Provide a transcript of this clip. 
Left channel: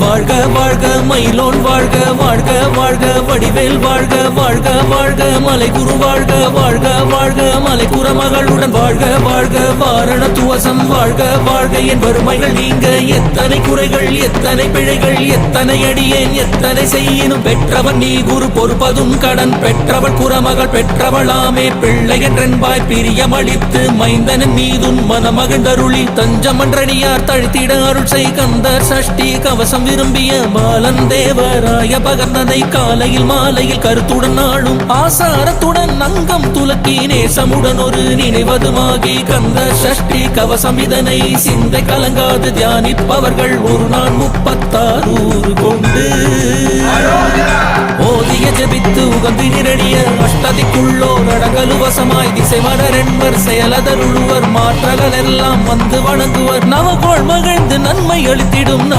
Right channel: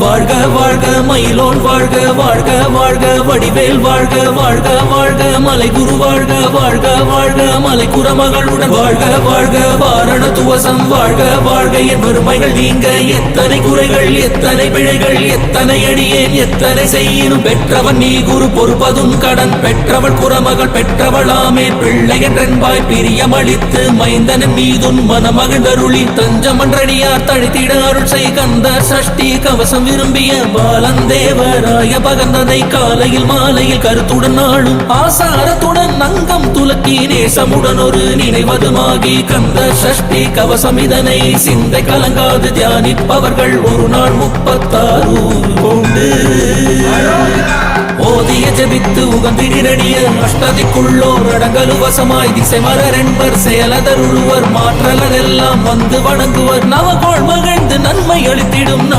வாழ்க வாழ்க மயிலோன் வாழ்க வாழ்க வாழ்க வடிவேல் வாழ்க வாழ்க வாழ்க மலை குரு வாழ்க வாழ்க வாழ்க மலை குரமகளுடன் வாழ்க வாழ்க வாரண துவசம் வாழ்க வாழ்க என் வறுமைகள் நீங்க எத்தனை குறைகள் எத்தனை பிழைகள் எத்தனை அடியேன் எத்தனை செய்யினும் பெற்றவன் நீ குரு பொறுப்பதும் கடன் பெற்றவள் குரமகள் பெற்றவளாமே பிள்ளை என்றென்பாய் பிரியமளித்து மைந்தனன் மீதுன் மனமகிழ்ந்தருளி தஞ்சமன்றடியார் தழுத்திட அருள் செய் கந்தர் சஷ்டி கவசம் விரும்பிய பாலன் தேவராய பகர்ந்ததை காலையில் மாலையில் கருத்துடன் நாளும் ஆசாரத்துடன் நங்கம் துலக்கி நேசமுடன் ஒரு நினைவதுமாகி கந்த சஷ்டி கவசம் இதனை சிந்தை கலங்காது தியானிப்பவர்கள் ஒரு நாள் 36 கொண்டு ஓதிய ஜபித்து உகந்தினிரடிய அஷ்டதிக்குள்ளோர் அடங்கலுவசமாய் திசை மலரென்பர் செயலதருளுவர் மாற்றலன் எல்லாம் வந்து வணங்குவர் நவகோள் மகிழ்ந்து நன்மை அளித்திடும்